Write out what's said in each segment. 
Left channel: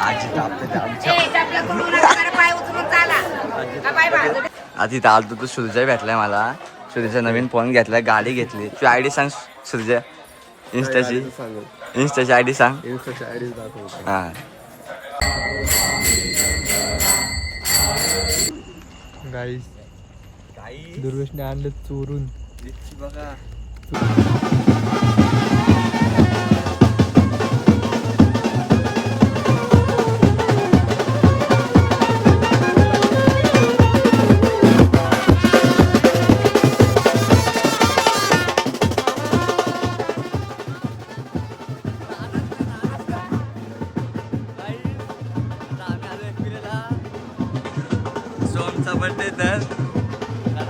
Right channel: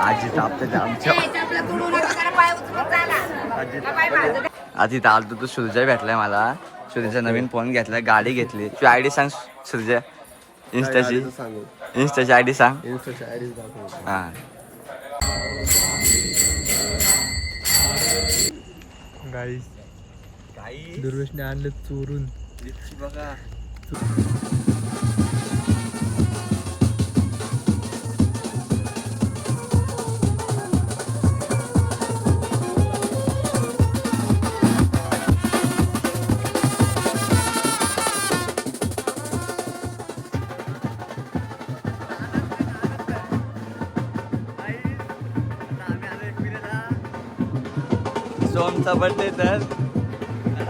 आजी तापते आमच्या आधी इथं आलतो तू सुरजय भेटलाय मला. सुरजय नवीन फोन घेतलाय, गाडी घेतली. तुझी आयडी सांग सुरजय, इंस्टाची आयडी सांग. हा गाईस दुर्वेशने आणलं चोरून बघा. सोमचा बर्थडे तर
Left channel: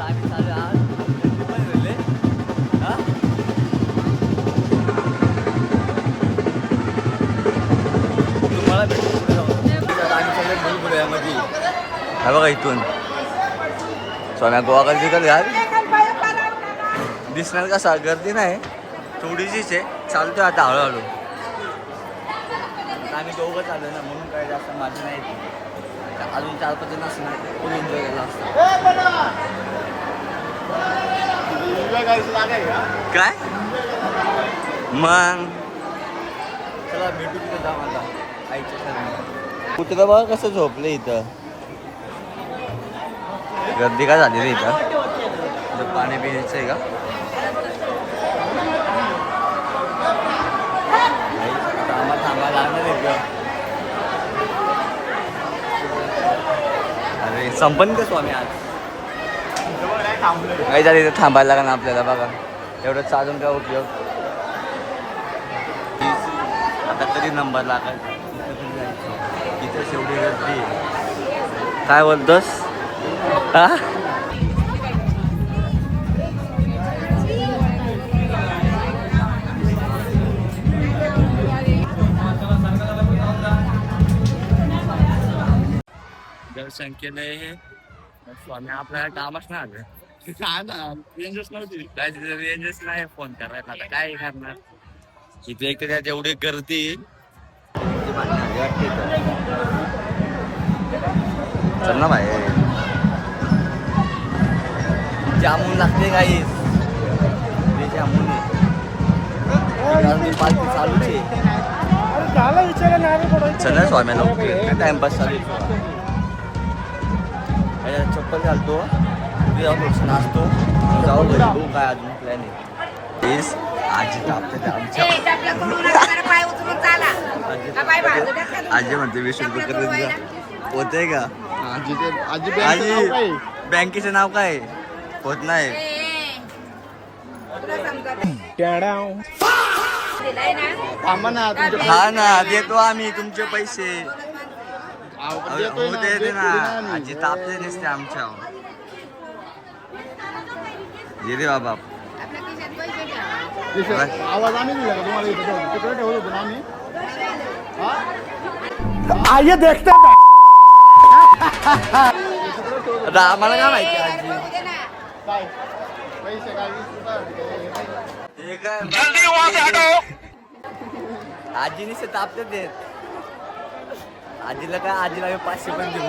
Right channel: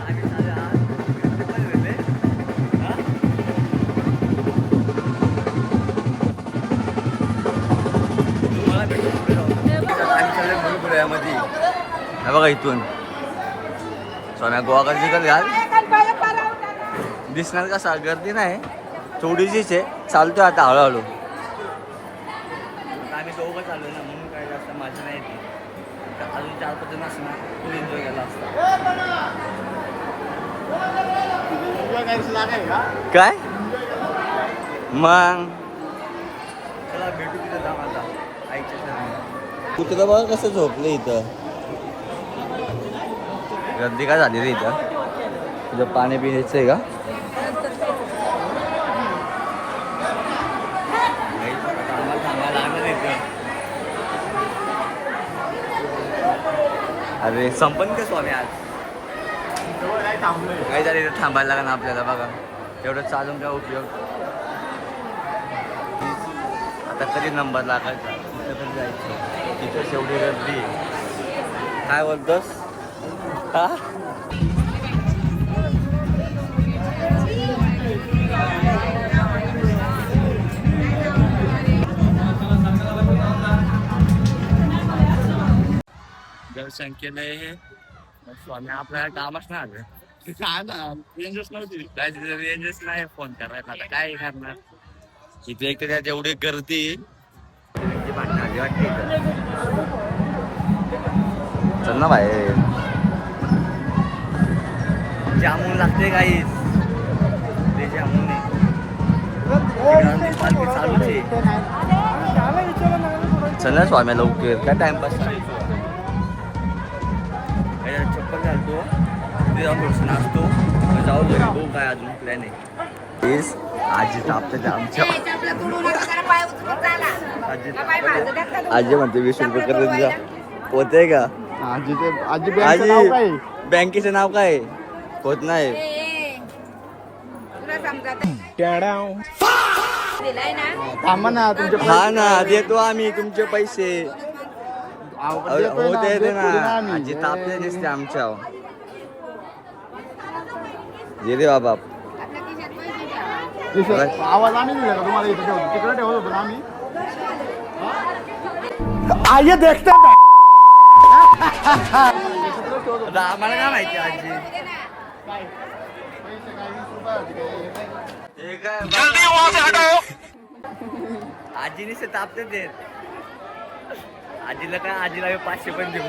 आम्ही साधे आज घरचे पण गेले. तुम्हाला भेटू पुढे जाऊ. आम्ही सगळे बुलबुल्यामध्ये हा बघा इथून सोम्या गोवा गर्दी कर घाल दिसणार कसा गर्दी नाही थोडीशीच आहे. चालतोय आता हळूहळू. आता आम्ही दोघं चाललोय ना म्हणून काय जास्त माझं नाही. अजून 4-5 जण असणार फुल एन्जॉय केला असता. काय मग चला भेटू तिथं जाऊ आता आईच्या शहरात. कुत्रा बघा कसं झोपलं इथं. गर्दी काय झाली रे इथं. तुझं पाणी पिण्याचं आहे का. आता आम्हाला थांबायला लागणार इथं. अरे संपन का स्वामी आज काही झालं इथं थांबायला लागणार ना आपल्याला. बघा एवढं चालून काय उपयोग. आता कधी नंबर लागायचा इथं कधी जायचं. इथं एवढी गर्दी काय बोलतोस हा. दर्शन केलंय हे स्वामी आपल्याला कामच नाही आलं. काय ना रेंजच नव्हती. रेंजच नाही फोन करायला. आता काय करणार इथे. एक तर जेवढी गर्दी भांडण आली वाटते इथं. चल ना बाहेर. जामून लागते काही ते जामून पार्टी चालूच आहे. चल ना स्वाम्या लवकर काय टाइमपास चालू. चप्पल घालतो तिथे जाऊन थोडंसं नाचतो मग जाऊ घरी. बघू काय अजून प्लॅन आहे. आजी तापते आमच्या. आजी म्हणते 20 रुपये करून जा होते का. आजी बँकेचं नाव काय होत नाही. हा ना देतो आम्ही तुमचे पैसे. हो ते ना आजी तापले नसते आमच्या. जे रे बाबा आवाज आम्ही दिला का तुम्हाला इथे ठेवतो तिकडे ठेवत होतो ना आम्ही. आइए देखते हैं. आम्हाला काय माहिती आजी. आजीने से तापते देत. आजीला काय आजीला 500 पण देऊ.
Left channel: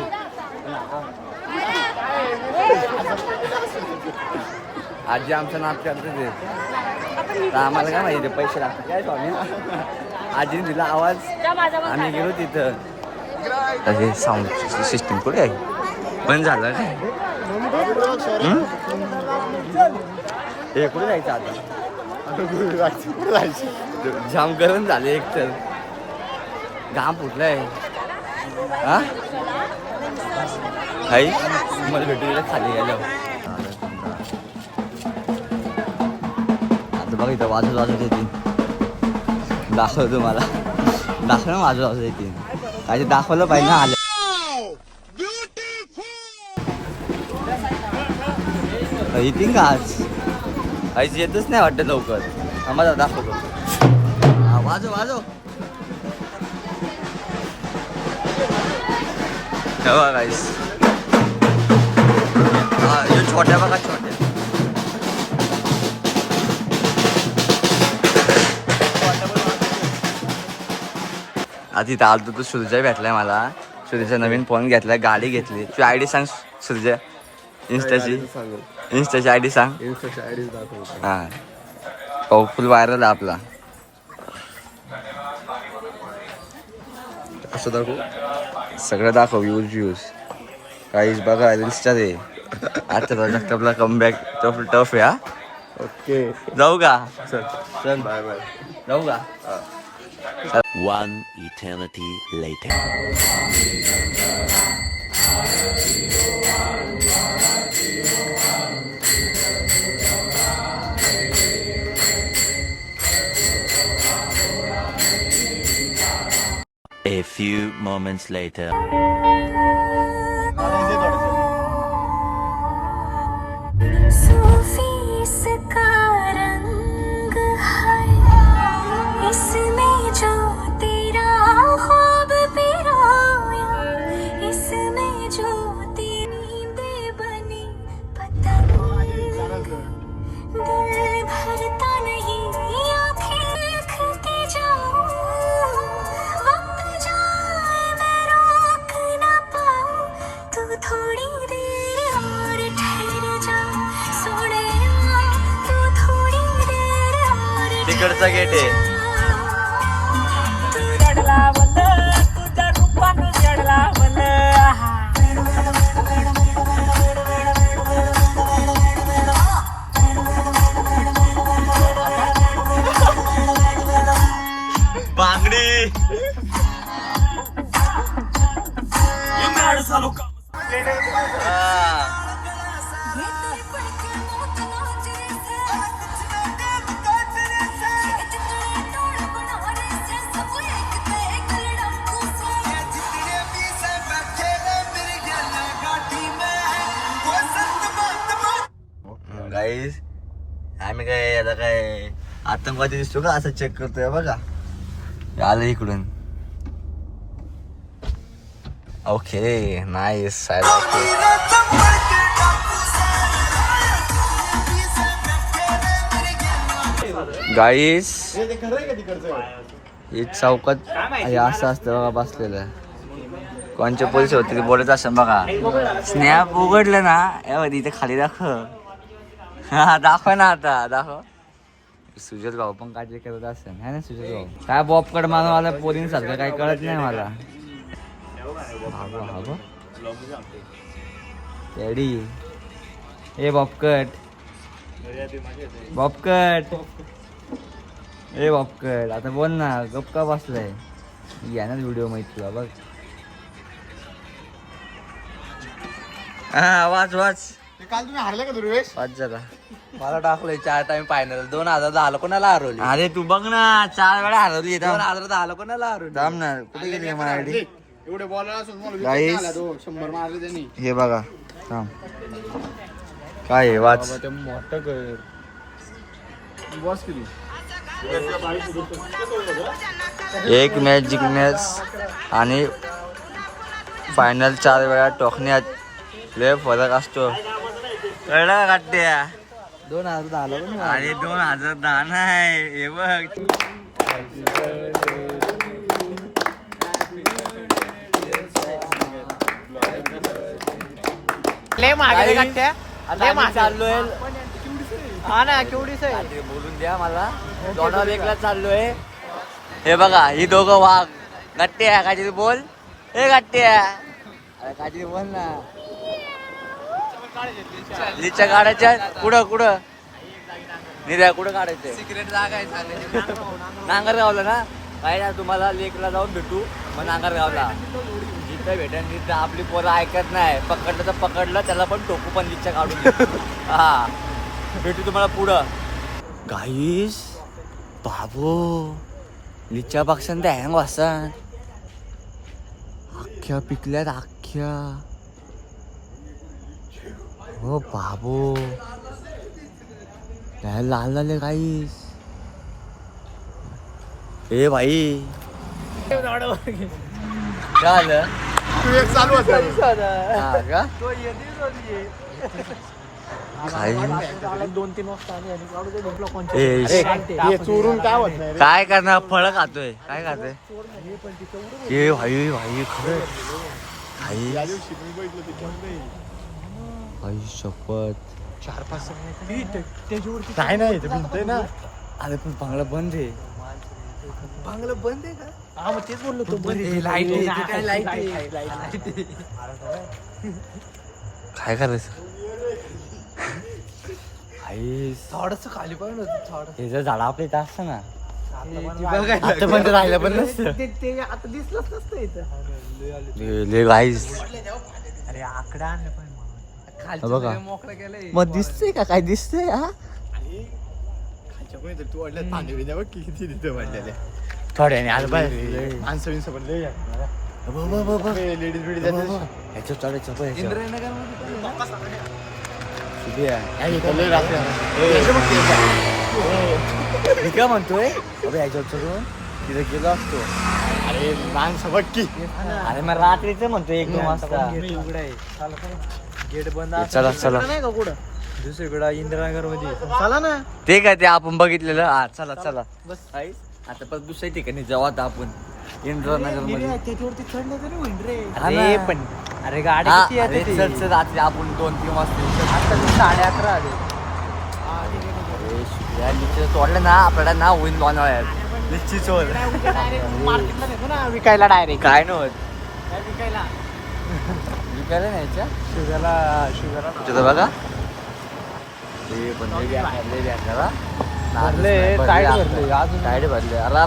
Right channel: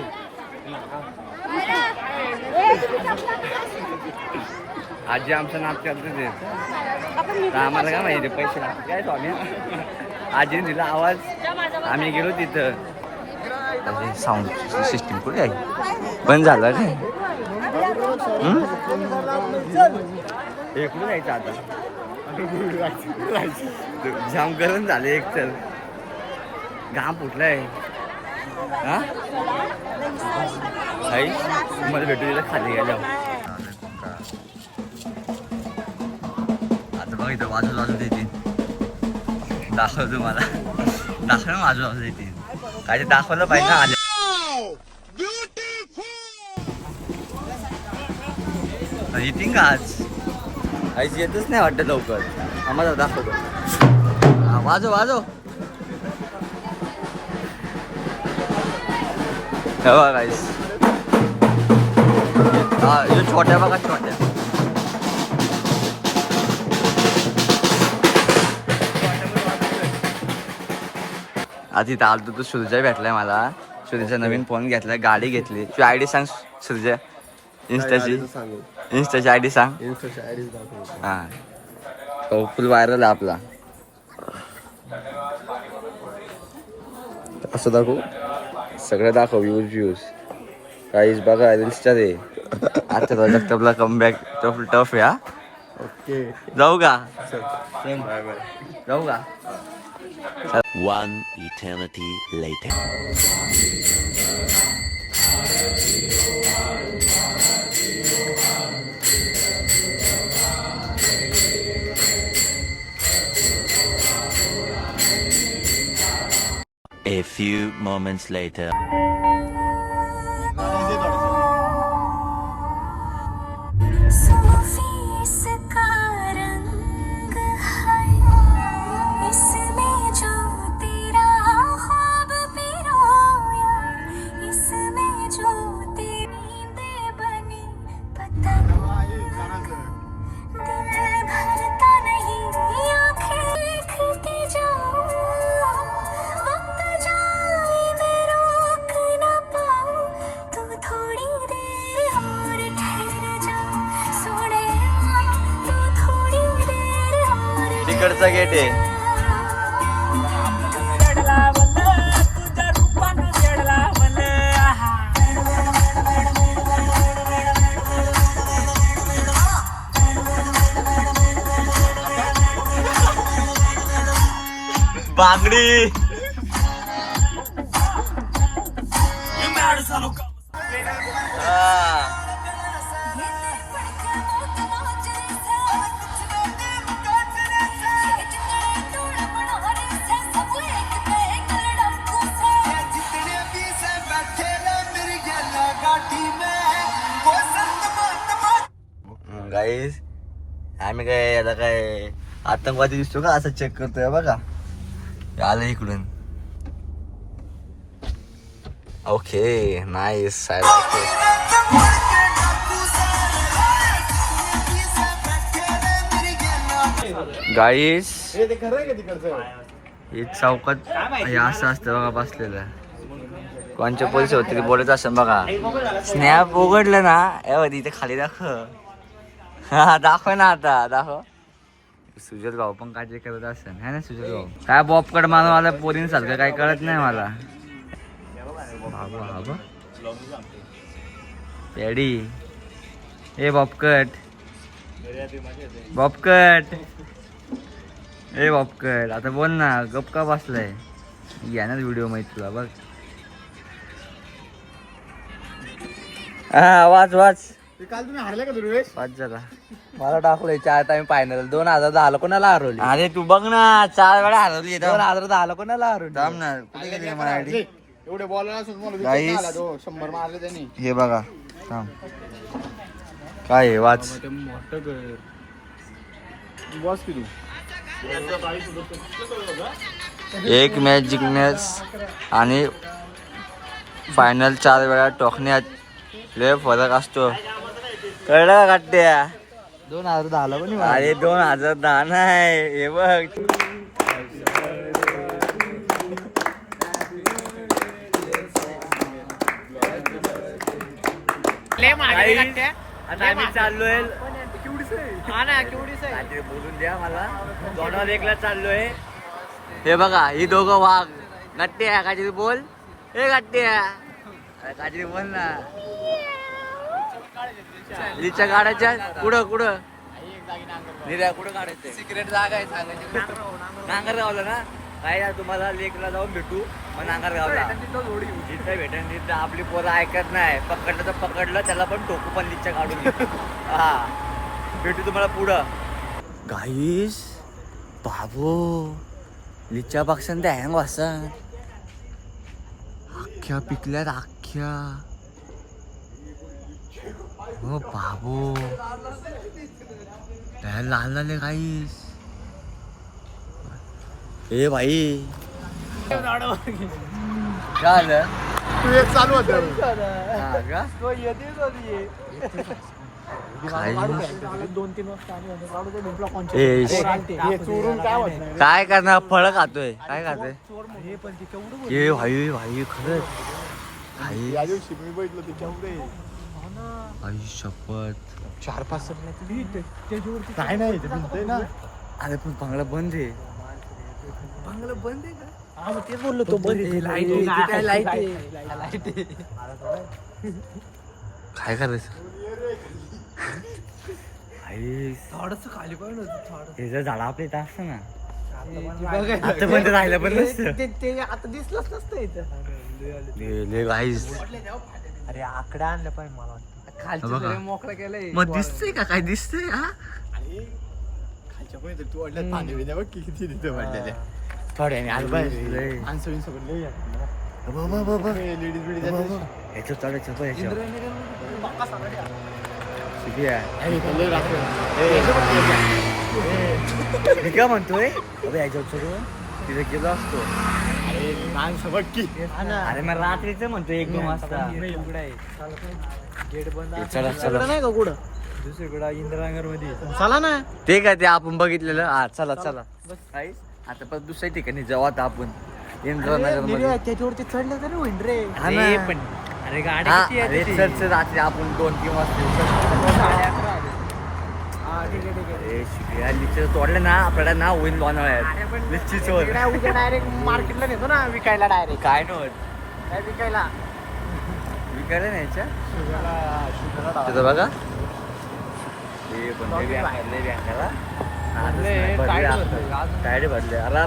आजी आमचं नाप करते ते तर आम्हाला काय माहिती पैसे लागतात काय स्वामी. आजीने दिला आवाज आम्ही गेलो तिथं. त्याचे साऊंड सिस्टीम कुठे आहे बंद झालं काय. हे कुठे जायचं आता. जाम गरम झाले एक तर घाम फुटलाय. हा आई मला भेटू तिला खाली गेल्यावर. आता बघ इथं वाजत वाजत येते. दाखवतो मला दाखव ना वाजत वाजत येते. काय दाखवलं पाहिजे ना. आल्या येतील का आज. आईच येतच नाही वाटतं लवकर. आम्हाला दाखवतो. हा वाजव वाजव. बघा गाईस हा यो छोट्या बघा छोट्या. आता इथं आलतो तू सुरजय भेटलाय मला. सुरजचा नवीन फोन घेतलाय, गाडी घेतली. तू आयडी सांग सुरजय, इंस्टाची आयडी सांग. हा फुल व्हायरल आहे आपला. असं दाखवू, सगळं दाखव. व्ह्यूज काहीच बघा रील्सच्या ते. आता जगतापला कमबॅक टफ आहे. ओके जाऊ का? चल बाय बाय. जाऊ का? One eternity later. A few moments later. तिकडचा गेट आहे. बांगडी गाईस. आम्ही काय आता काय आतंकवादी दिसतो का असं चेक करतोय बघा. आलं इकडून. Okay nice. I like it. Guys ही चौकात हे असं असतं बघा बसलेलं. कोणच्या पोलीस होते ते बोलत असं बघा. स्नॅप उघडलं ना इथे खाली दाखव. हा दाखव ना, आता दाखव. सुजल भाऊ पण काय करत असेल है ना. सुजल भाऊ काय बॉपकड मानव आला पोरींसारखं काय कळत नाही मला. पेडी ए बॉपकट बॉपकट ए बॉपकट आता बोल ना. गप का बसलाय. घ्या ना व्हिडिओ माहिती तुला बघ. हा वाच वाच. काल तुम्ही हारले का दुर्वेश? वाच जरा. मला टाकलंय 4 टाइम फायनल. 2000 झालं कोणाला हरवली? अरे तू बघ ना 4 वेळा हरवली. 2000 झालं कोणाला हरवली? थांब ना. कुठे गेली माझी आयडी? एवढे बॉल Guys. 100 मारले त्यांनी. हे बघा थांब. काय आहे वाच. एक मॅच जिंकण्यास आणि फायनल 4 वेळा टोकण्यात लय फरक असतो. कळलं का काट्या? 2000 झालं पण अरे 2010 नाही. हे बघ आता आम्ही चाललोय. बोलून द्या मला. दोनावर एकला चाललोय. हे बघा ही दोघं वाघ. गट्ट्या काहीतरी बोल. हे गट्ट्या काहीतरी बोल ना. लिच्या काढायच्या कुठं कुठं निर्या कुठं काढायचं? सिक्रेट जागा नांगरगावला ना. काय ना तुम्हाला लेकला जाऊन भेटू मग नांगरगावला. जिथं भेटेल तिथं. आपली पोरं ऐकत नाही. पकडलं तर पकडलं त्याला पण टोकू पण लिच्या काढून. हा भेटू तुम्हाला पुढं. गाईस बाबो लिच्या पक्षान त्या हँग वासा अख्ख्या पिकल्यात अख्ख्या. हो बाबो लाल झाले गाईस. ए भाई काय झालं? तू एक चालू होत. हा का? काही दोन-तीन वाजता ए, चोरून काय होत नाही रे. काय करणार फळ खातोय काय खातोय ए भाई भाई खरंच भाई त्या दिवशी मी बघितलं ते कोण नाही. भाई शपथ काय नाही ते भिंतय ना. अरे पण बांगला बंद आहे बांगला बंद आहे का? हा मग तेच बोललो तो बंद आहे. लाईट आहे, ती काय लाईट आहे. काय करायचं भाई थोडंसं खाली पाहिजे ना थोडं. हे जर झाड आपल्या इथं असतं ना आता आता पण ते राहिलं पण नसतं ते आता दिसलंच नसतं इथं. ले गाईस अरे आकडा आणलं पाहिजे मला. हा बघा. मोकळं केलंय. मग दिसतंय का काय दिसतंय हा आणि खालच्या कोणीतरी तू वाटलं पाणी बिद्या बघ किती तिथं वाढलेले. थोड्याने आज माणसं बिनसं पण लय आहे. लेडीज बिडीज आहेत. ह्याच्यावर चढायचं पण ह्याच्यावर इंद्रायनगरमध्ये पक्का सगळं आहे. किती आहे? आणि इथं लय राहते. मी काय म्हणतोय अबे ह्याच्यावर चढून तिथे गेलो असतो अरे माणसं बघ की. अरे मग रात्रीच म्हणतोय 1-2 वाजता इकडे आहे. चला चला. गेट बंद हे चला, चला. नाही का कुठं दुसरीकडं इंदिरानगर मध्ये चला ना. ते काय ते आपण बघितलेलं हा चला चला काहीच आता पण दुसऱ्या ठिकाणी जाऊ आता आपण इंद्रानगर मध्ये त्याच्यावरती चढलं तरी होईन रे. हा ना. अरे पण अरे गाडी हा, किती अरे येते चल चल रात्री आपण 2-3 वाजता येऊ. चल. 11:30 आले. हा ठीक आहे ठीक आहे. अरे शिकल्या लिचीचं तोडलं ना आपल्याला ना होईन लोणावळ्यात लिची चोर उद्या डायरेक्ट मार्केटला नेतो ना विकायला डायरेक्ट. काय नव्हत काय विकायला? विकायला न्यायच्या शुगरला तुझं बघा हे पण लय बँकाला भरले, टायर भरले, अजून. टायडे भरले अरे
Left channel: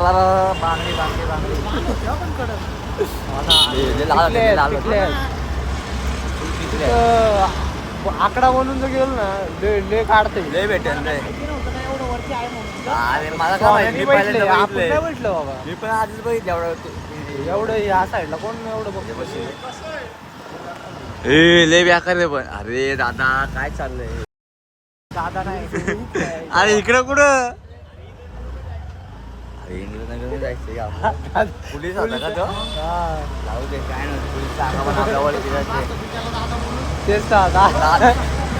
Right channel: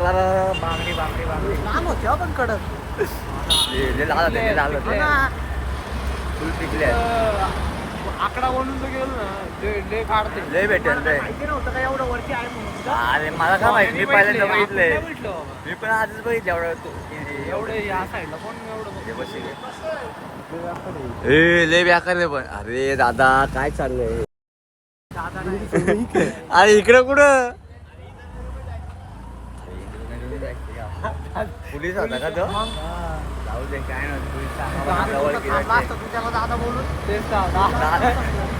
बांगडी बांगडी बांगडी लहान होते आपण कडक. लय लाल होते लय लाल होते फुल पिकले आकडा बनून जर गेलो ना ले काढते. लय भेटेल लय माहिती नव्हतं का एवढं वरती आहे म्हणून. अरे मला काय माहिती मी पहिल्यांदा बघितलंय आपण नाही म्हटलं बाबा. मी पण आजच बघितलं एवढं एवढं या साईडला कोण एवढं हे बघ. बस हे. ए लय बेकार आहे पण अरे दादा काय चाललंय दादा नाही. अरे इकडं कुठं अरे इंद्रनगरला जायचं या. पोलीस होता का तो जाऊ दे काय नाही पोलीस सांगा पण आपल्या ओळखीचा मास्तर तू त्याला दादा बोलून तेच दादा.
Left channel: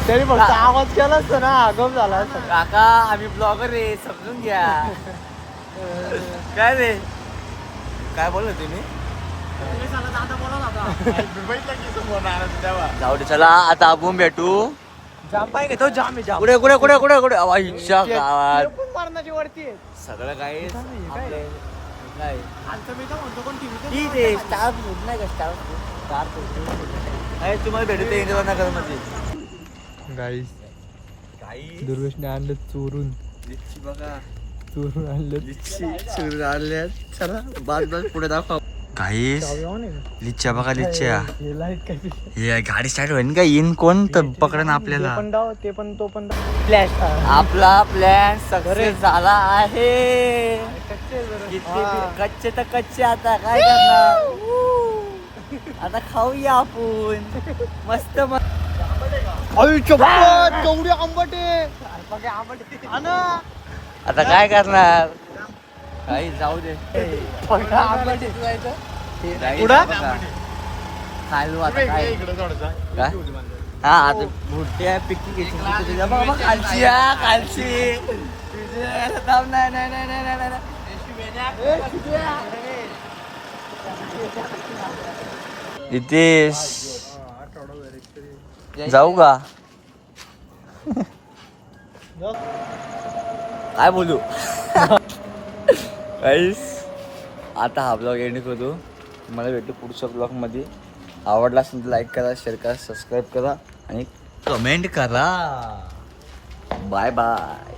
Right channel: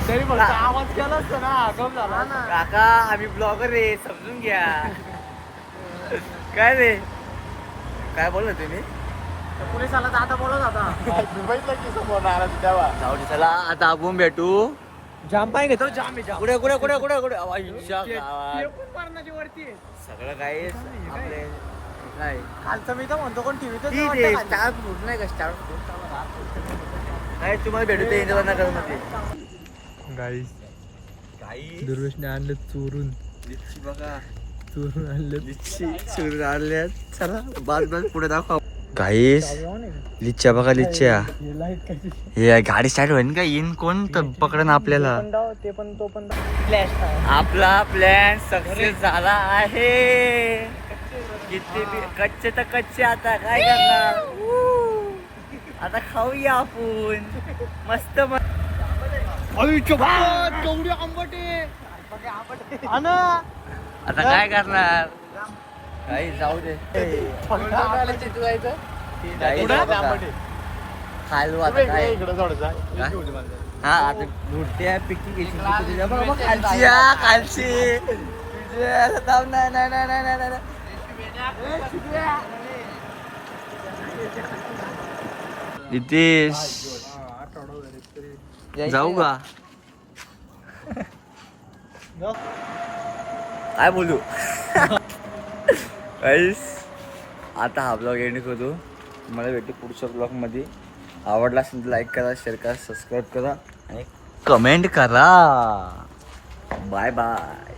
तरी फक्त आवाज केला असता ना आगम झाला असता. काका आम्ही ब्लॉगर रे समजून घ्या काय रे काय बोललो तुम्ही पोलिसाला दादा बोलत होता. बघितलं की समोर नाराज तेव्हा. जाऊ दे चला आता आपण भेटू जाम पाय घेतो जाम आहे जाम. कुठे कुठे कुठे कुठे कुठे आवाजच्या गावात कोण मारण्याची वरती आहे. सगळं काय आपले काय खालचं मी तर म्हणतो कोण टीव्ही ठीक आहे स्टार फूड नाही का स्टार फूड नाही तुम्हाला भेटू ते इंद्रनगर मध्ये गाईस काही दुर्वेशने आणलं चोरून लिच्ची बघा चोरून आणलं. लिच्ची चोरून आणल्या चला बाद बाद पुढे दाखव गाईस लिच्च्या बघा लिच्च्या हे गाडी स्टार्ट होईल का येईन कोण तर पकडन आपल्याला ते पण तो पण फ्लॅश आपला प्लॅन सक्सेस झाला आहे किती कच्चे तर कच्चे आता काय करणार आता खाऊया आपण मस्त केवढे आंबटे. आता काय करणार काही जाऊ दे काही खायलो आता काय इकडे जाऊया. काय? हा आता बुरट्या पिकी घेतली तुझ्या बघा बघ खालची हा खालची थांब नाही नाही नाही नाही नाही नाही नितेश जाऊ का काय बोलू गाईस आता हा ब्लॉग एंड करतो तुम्हाला भेटू पुढच्या ब्लॉग मध्ये आवडला असेल तर लाईक करा शेअर करा सबस्क्राईब करा आणि कमेंट करा बाय बाय